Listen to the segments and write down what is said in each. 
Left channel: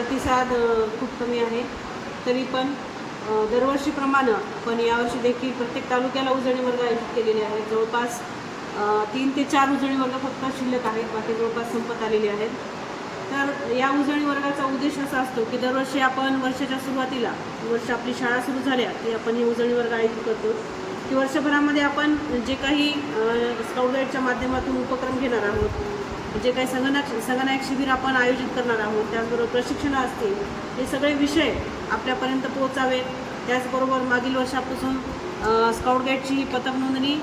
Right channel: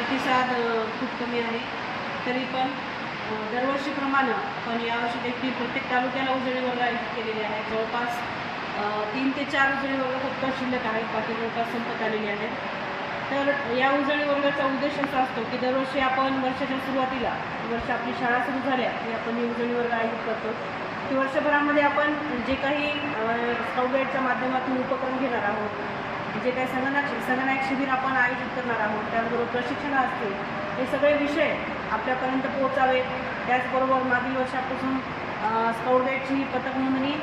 प्रतिसाद खूप कमी आहे. तरी पण दरवर्षीप्रमाणे पण यावर्षी देखील प्रत्येक तालुक्याला उजळणी वर्ग आयोजित केलेले आहेत. जवळपास तीन ते चार उजळणी वर्ग फक्त शिल्लक आहेत. बाकी जवळपास संपत आलेले आहेत. तर या उजळणी वर्गाचा उद्देश असा असतो की दरवर्षी आपण वर्षाच्या सुरुवातीला वर्ष आपली शाळा सुरू झाल्या की आपण हे उजळणी वर्ग आयोजित करतो. की वर्षभरामध्ये आपण जे काही स्काउट गाईडच्या माध्यमातून उपक्रम घेणार आहोत जे काही संगणक संगणक शिबिर आपण आयोजित करणार आहोत त्याचबरोबर प्रशिक्षणं असतील हे सगळे विषय आपल्यापर्यंत पोहोचावे. त्याचबरोबर मागील वर्षापासून स्काउट गाईडची ही पथक नोंदणी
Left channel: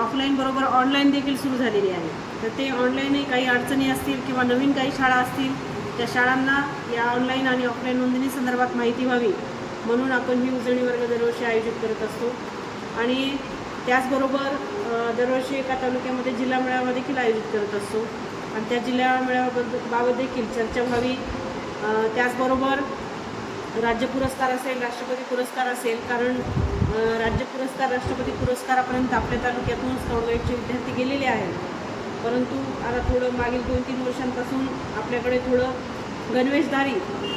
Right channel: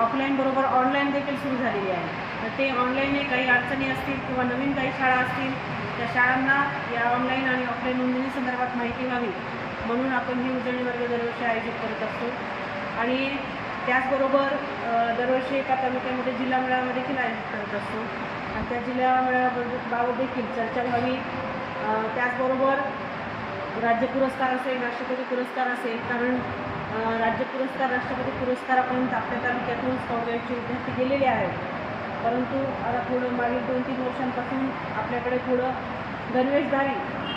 ऑफलाईन बरोबर ऑनलाईन देखील सुरू झालेली आहे. तर ते ऑनलाईनही काही अडचणी असतील किंवा नवीन काही शाळा असतील त्या शाळांना या ऑनलाईन आणि ऑफलाईन नोंदणी संदर्भात माहिती व्हावी. म्हणून आपण ही उजळणी वर्ग दरवर्षी आयोजित करत असतो. आणि त्याचबरोबर दरवर्षी एका तालुक्यामध्ये जिल्हा मेळावा देखील आयोजित करत असतो. आणि त्या जिल्हा मेळाव्याबद्दल बाबत देखील चर्चा व्हावी. त्याचबरोबर राज्य पुरस्कार असेल राष्ट्रपती पुरस्कार असेल कारण राज्य पुरस्कार राष्ट्रपती पुरस्कारापर्यंत आपल्या तालुक्यातून स्काउट विद्यार्थी गेलेले आहेत. परंतु आता थोडं मागील दोन तीन वर्षांपासून आपल्याकडे थोडं गणवेशधारी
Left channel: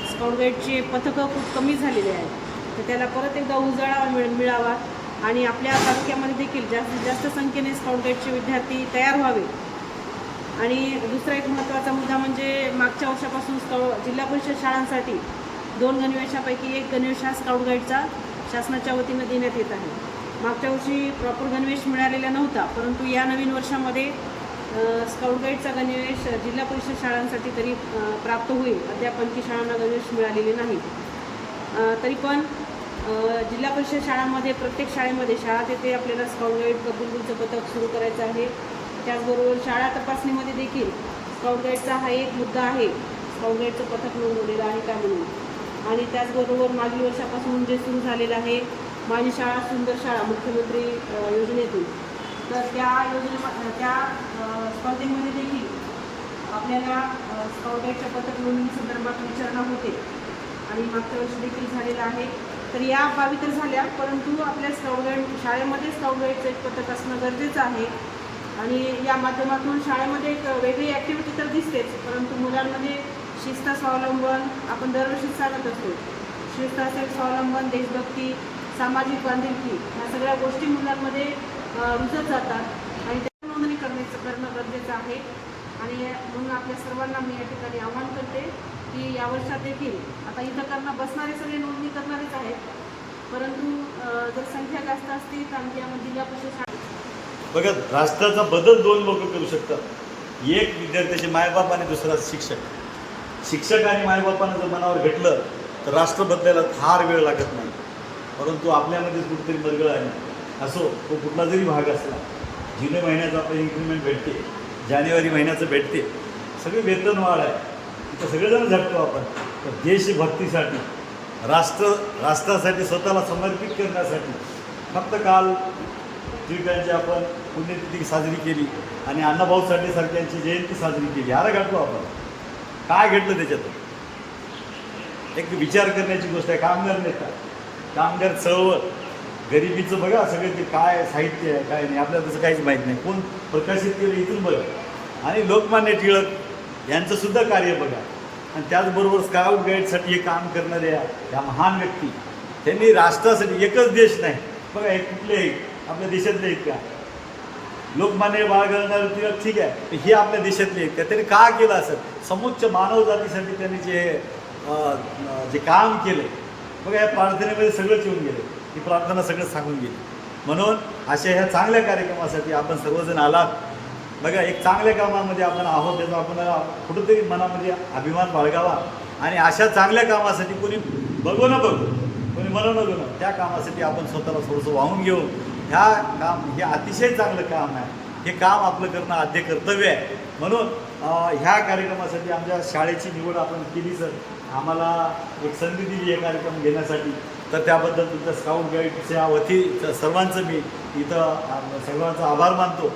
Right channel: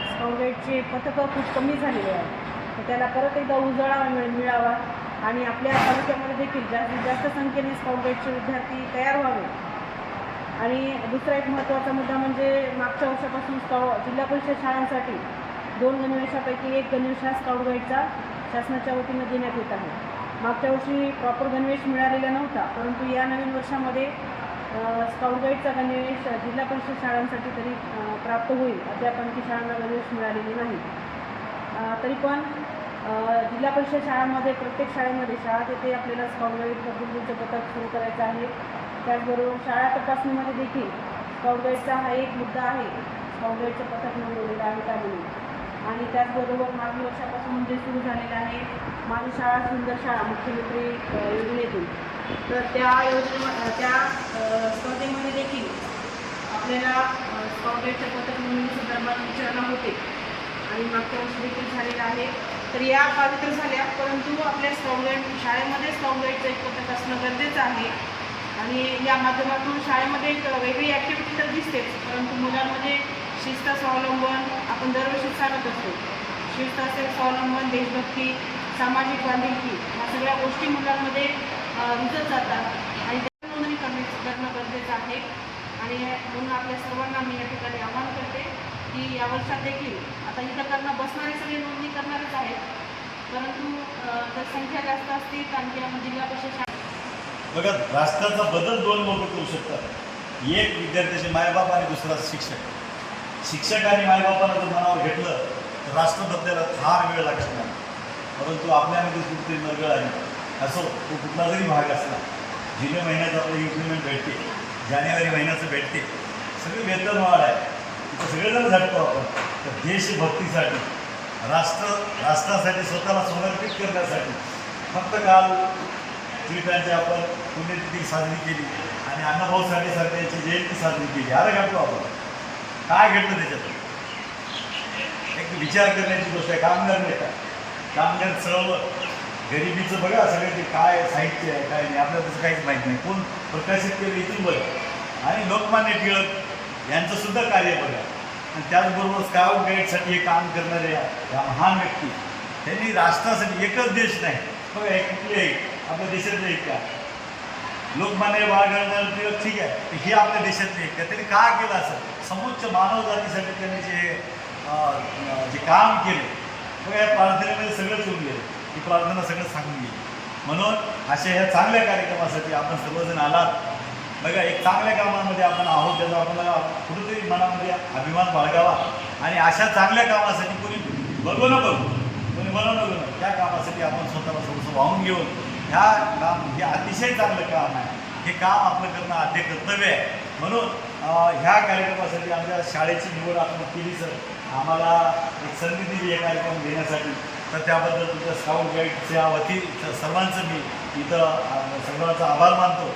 स्काउट गाईडचे पथकं खूप कमी झालेले आहेत. तर त्याला परत एकदा उजाळा मिळ मिळावा. आणि आपल्या तालुक्यामध्ये देखील जास्तीत जास्त संख्येने स्काउट गाईडचे विद्यार्थी तयार व्हावे आणि दुसरा एक महत्त्वाचा मुद्दा म्हणजे मागच्या वर्षापासून स्काउ जिल्हा परिषद शाळांसाठी दोन गणवेशापैकी एक गणवेश हा स्काउट गाईडचा शासनाच्या वतीनं देण्यात येत आहे. मागच्या वर्षी प्रॉपर गणवेश मिळालेला नव्हता परंतु या नवीन वर्षामध्ये स्काउट गाईडचा गणवेश जिल्हा परिषद शाळांसाठी तरी प्राप्त होईल. अद्याप आणखी शाळांना गणवेश मिळालेले नाही. तरी पण जिल्हा परिषद शाळांमध्ये प्रत्येक शाळेमध्ये शाळा तेथे आपल्याला स्काउट गाईड पद्धतीचं पथक सुरू करायचं आहे. त्याचबरोबर शाळा तपासणीमध्ये देखील स्काउट गाईडचा हा एक मुद्दा आहे. स्काउट गाईडचं पथक नोंदवलेलं आहे का म्हणून. आणि त्याचबरोबर मागील वर्षापासून जे सुरू झालेलं आहे माझी शाळा सुंदर शाळा मुख्यमंत्री योजनेतून. तर त्या योजने त्या स्पर्धेमध्ये देखील आपल्याला स्काउट गाईडच्या पथक नोंदणी संदर्भात विचारणा होते. आणि मागच्या वर्षी देखील झालेलं आहे. तर या बाबी तर झाल्या परंतु आपल्या स्काउट शाळेमध्ये स्काउट गाईडचं एक पथक असणं गरजेचं आहे. आणि या माध्यमातून शाळेमध्ये एक वेगळी ॲक्टिव्हिटी तर दिसतेच परंतु मुलांमध्ये शिस्त स्वावलंबन आपण दरवर्षी सांगत असतो. शिस्त असेल स्वावलंबन देशभक्ती सामाजिक बांधिलकी ह्या सगळ्या गोष्टी मुलांमध्ये रुजत जातात. आणि त्या नोंदणी करण्याचं करणं गरजेचं आहे. आणि म्हणून आपल्या सर्वांना मी या ठिकाणी आवाहन करते की या वर्षात देखील आता इथं करणं बसणारे सगळे नोंदणी परंतु जर संख्या जास्त असते तर आणखी जिल्हा परिषद बघा राष्ट्राचा बदल दोन लोक करू शकतात. एक विद्यार्थ्याचे मायबाप आणि दुसरा शिक्षक. शिक्षक आणि मायबापानं जर मनावर घेतलं तर राष्ट्र बदलायला फार वेळ लागत नाही. परंतु आपल्यामध्ये कुठेतरी मरगळ आहे. असो तो कुठला जरी भाग असला जुलै महिन्याचं आपलं इन्क्रिमेंट भेटते जानेवारी महिन्याचं भेटते. सगळी वेतन वाढ आहे. तिथं सगळेजण झटतो आपण. तर देशभक्तीसाठी राष्ट्र राष्ट्रासाठी स्वतःला समर्पित करण्यासाठी फक्त काल टिळकांची आपण पुण्यतिथी साजरी केली आणि अण्णाभाऊ साठे यांची जयंती साजरी केली. अरे घातलो आपण. काय घडलं त्याच्यात? एक विचार करण्याची गोष्ट आहे. कामगार नेता कामगार चळवळ. गरिबीचं बघा सगळं ते काय साहित्य आहे काय नाही. आपल्याला तसं काहीच माहीत नाही. कोण प्रकाशित केलं इथून बघा आणि लोकमान्य टिळक यांचंसुद्धा कार्य बघा. आणि त्याचबरोबर स्काउट गाईडसाठी हे काम करणाऱ्या ह्या महान व्यक्ती. त्यांनी राष्ट्रासाठी एकच देश नाही बघा हे कुठलेही आपल्या देशातले एक का लोकमान्य बाळ टिळक ठीक आहे हे आपल्या देशातले एक का त्यांनी का केलं असं? समुच्च मानव जातीसाठी त्यांनी जे जे काम केले बघा या प्रार्थनेमध्ये सगळंच येऊन गेलं. ही प्रार्थना सगळं सांगून गेली. म्हणून अशा ह्या चांगल्या कार्यक्रमासाठी आपण सर्वजण आलात. बघा एक चांगल्या कामामध्ये आपण आहोत त्याचा आपण कुठेतरी मनामध्ये अभिमान बाळगावा. आणि अशा चांगल्या कामासाठी कोणी बघू ना बघू कोणी म्हणू न बघू त्या कामासाठी आपण स्वतःला थोडंसं वाहून घेऊन ह्या काम हे अतिशय चांगलं काम आहे. हे काम आपलं करणं आद्य कर्तव्य आहे. म्हणून ह्या कार्यक्रमासाठी आमच्या शाळेची निवड आपण केली सर. आम्हाला एक संधी दिली हे कार्यक्रम घेण्यासाठी तर त्याबद्दल तुमच्या साऊंड गाईडच्या वती सर्वांचं मी इथं सर्वांचा आभार मानतो.